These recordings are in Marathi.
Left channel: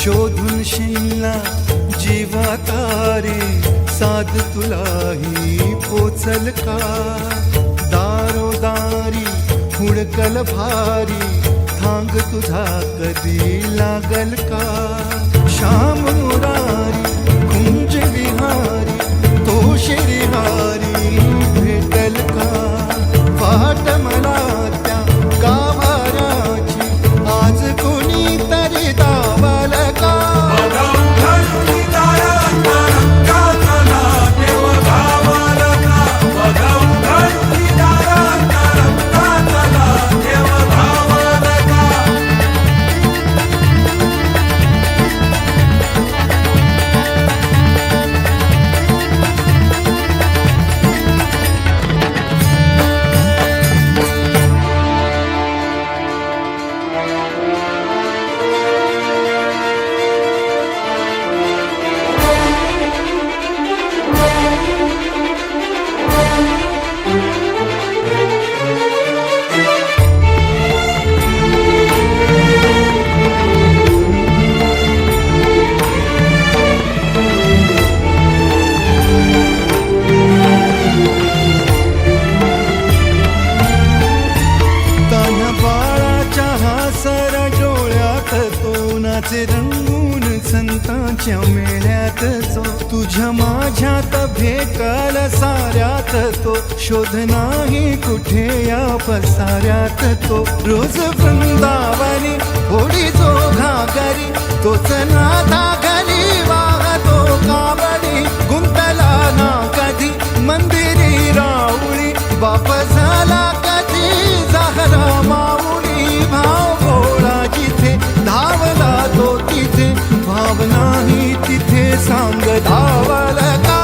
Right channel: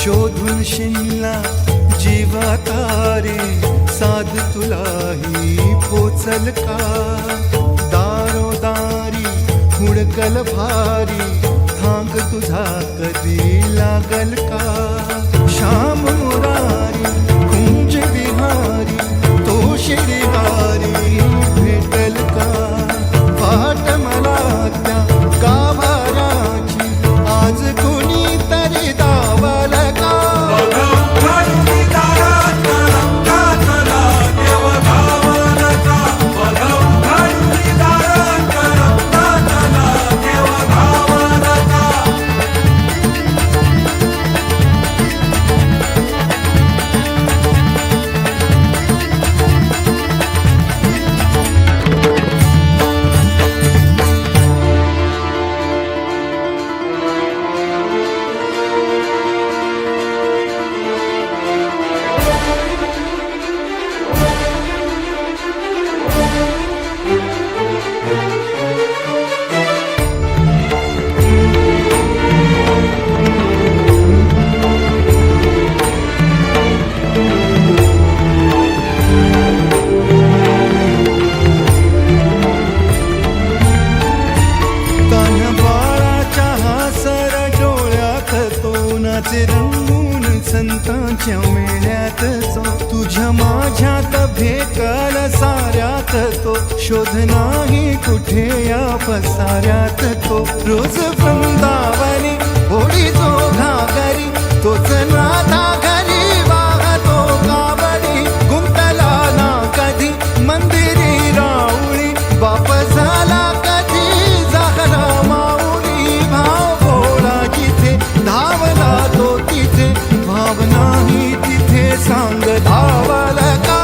शोधून शिनला जीवा तारे, साध तुलाही पोचल का? दारोदारी हुडकल भारी, थांग तुझा कधी लागल का? श्याम मुरारी कुंज विहारी, तो श्रीहारी भेटल का? वाट मला त्या गाभाराची, आज कुणी तरी दावल का? सर डोळ्यात तो नाचे रंगून संतांच्या मेळ्यात जो, तुझ्या माझ्यात भेटल साऱ्यात तो, शोध नाही कुठे या पसाऱ्यात तो. रोज वृंदावनी होडी जो घागरी, तोच नाथा घरी वाहतो कावडी. गुंतला ना कधी मंदिरी राऊळी, बाप झाला कधी झाला माऊली. भाव भोळा जिथे धावला तो तिथे, भाव नाही तिथे सांग धावल का?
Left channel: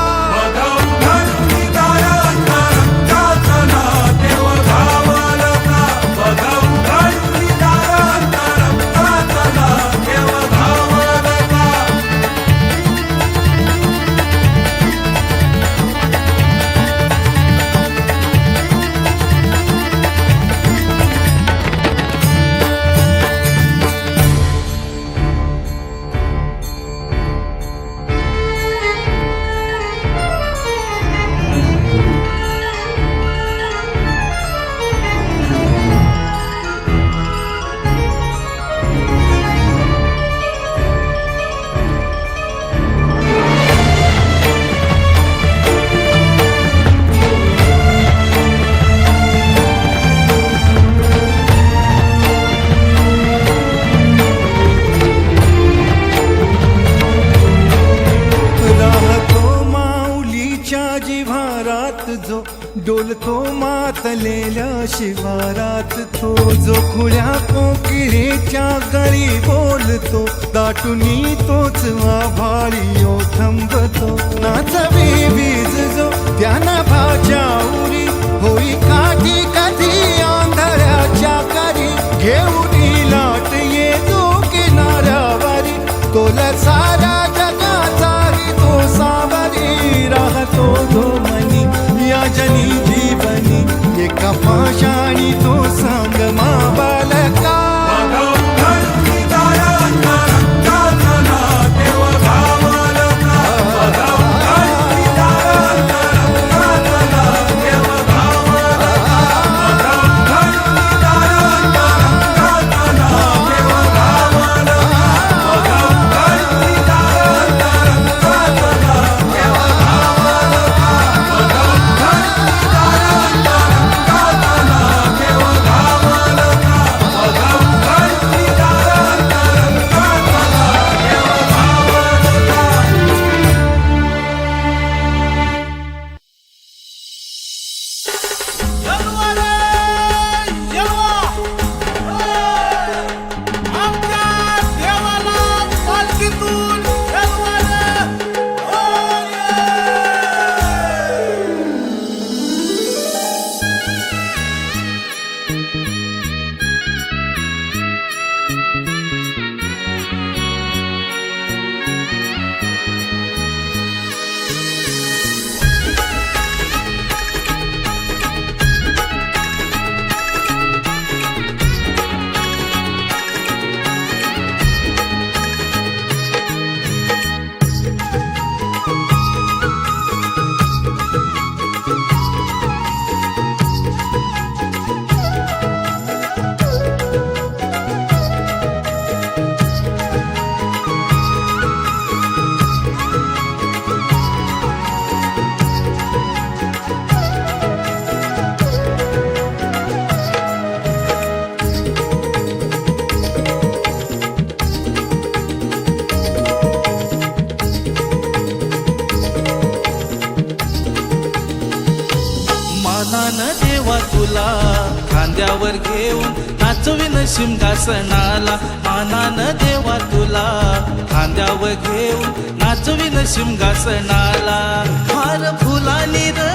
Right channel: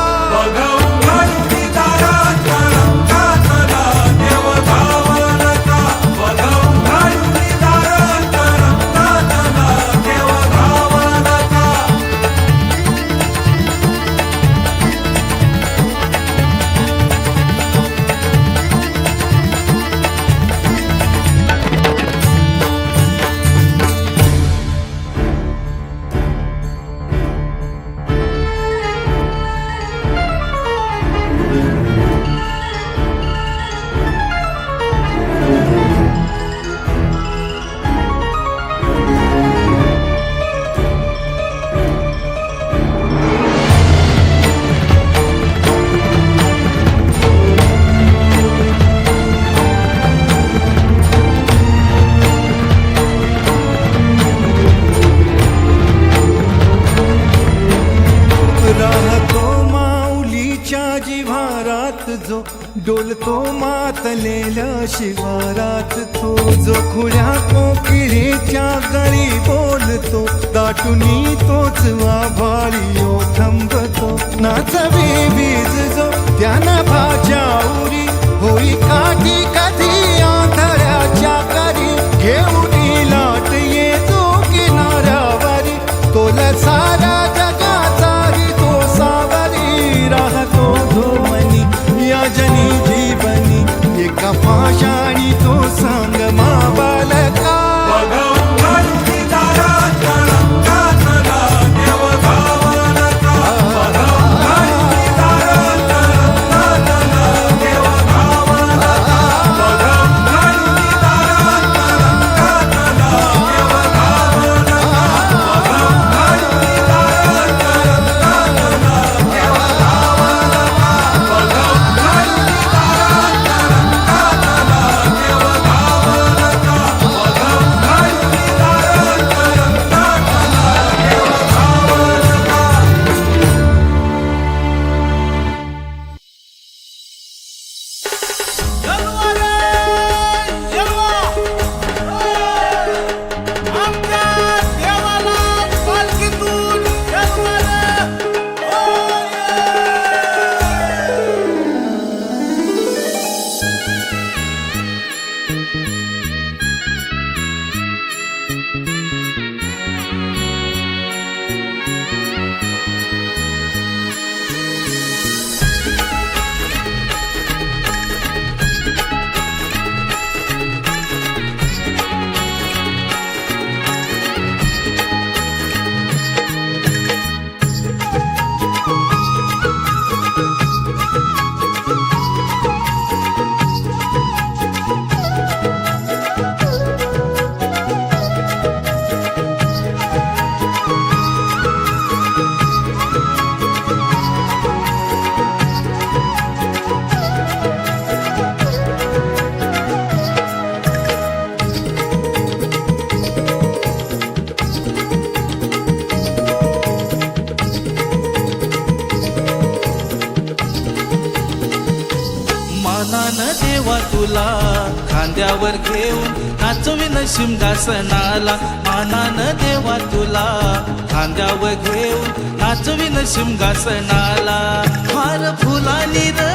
राहतो माऊलीच्या जिव्हारात जो, डोलतो मातलेल्या शिवारात तो. जो खुळ्या कोकिळेच्या गळी बोलतो, दाटुनी तोच आभाळी थांबतो. नाचवी बीज जो त्यानं भाच्या उरी, होई काठी कधी आंधळ्याच्या करी. घेऊन लाट ये जो किनाऱ्यावरी, तोला सारा जगाचाही तो सावरी. राहतो जो मनी या जनी जीवनी, एका पाशाणी तो सांग मा बालका. मानान देवा तुला खांद्यावर घेऊन नाचविन सिंहासनाला मानान देवा तुला खांद्यावर घेऊन नाचविन सिंहासनाला हार फुलानी र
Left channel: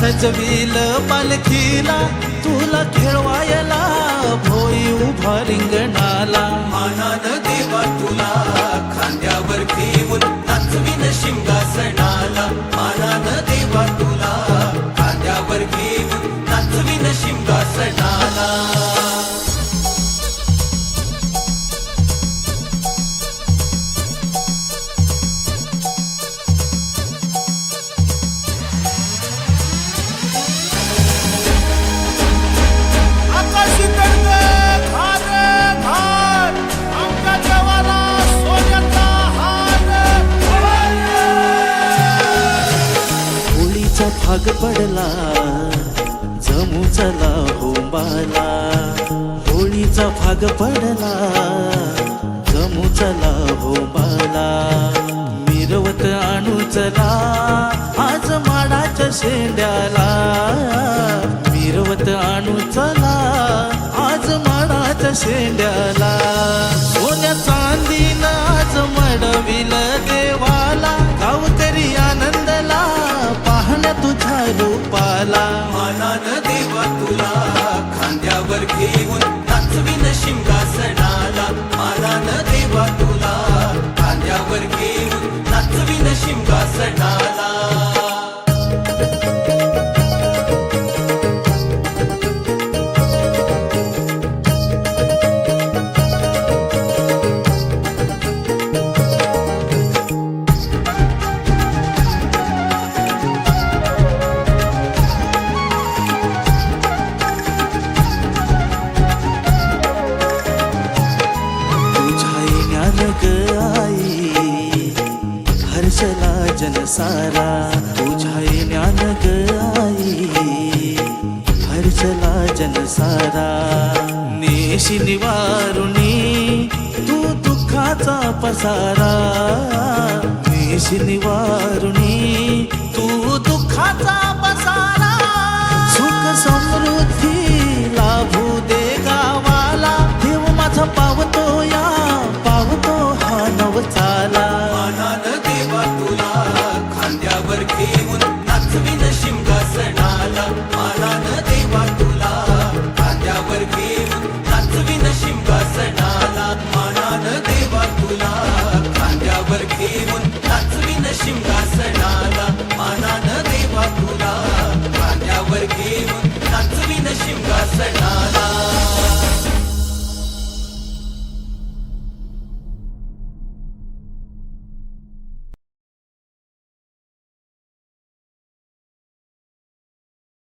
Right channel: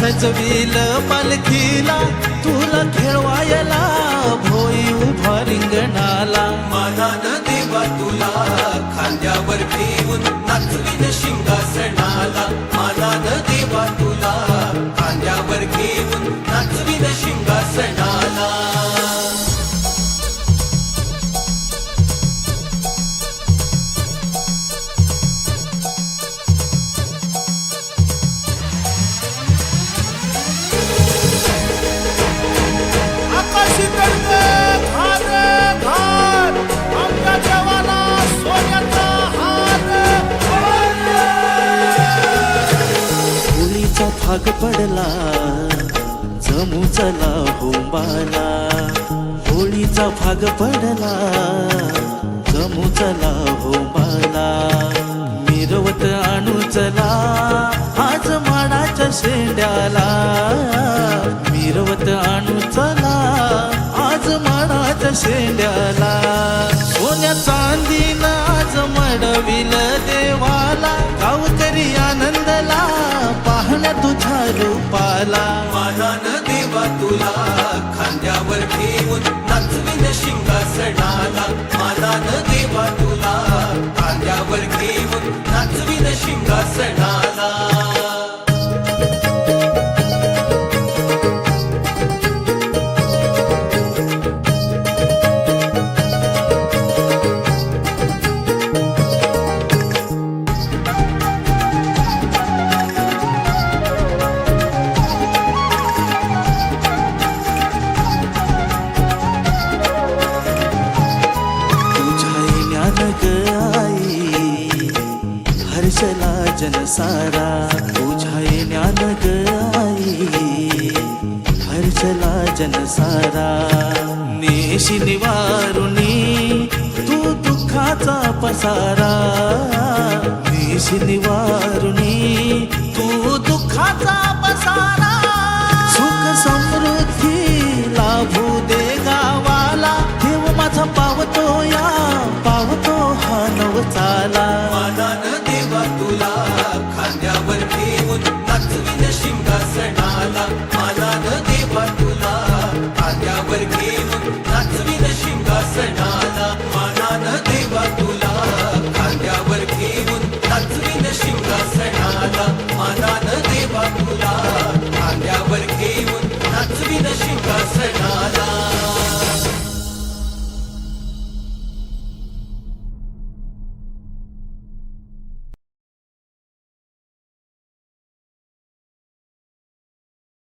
सजविल पालखीला तुला खेळवायला भोई उभा रिंगणाला मानान देवा तुला खांद्यावर घेऊन नाचविन सिंहासनाला मानान देवा तुला खांद्यावर घेऊन नाचविन सिंहासनाला आकाशी तडक घार घार आमच्या देवाला सोन्याचा हार होळीचा भाग पडला जमू चला होंबाला होळीचा भाग पडला जमू चला होंबाला मिरवत आणू चला आज माडाच्या शेंड्याला मिरवत आणू चला आज माडाच्या शेंड्याला सोन्या चांदीनं आज मडविल देवाला गावकरी आनंदला पाहण्या तुझ्या रूपाला मानान देवा तुला खांद्यावर घेऊन नाचविन सिंहासनाला मानान देवा तुला खांद्यावर घेऊन नाचविन सिंहासनाला ज्ञान ग आई हर्षला जनसारा तुझ्या ज्ञान ग आई हर्षला जनसारा नेशी निवारुणी तू दुःखाचा पसारा नेशी निवारुणी तू दुःखाचा पसारा सुख समृद्धी लाभू दे गावाला देव माझा पावतो या पावतो हा नवचाला मानान देवा तुला खांद्यावर घेऊन नाचविन सिंहासनाला मानान देवा तुला खांद्यावर घेऊन नाचविन सिंहासनाला मानान देवा तुला खांद्यावर घेऊन नाचविन सिंहासनाला मानान देवा तुला खांद्यावर घेऊन नाचविन सिंहासनाला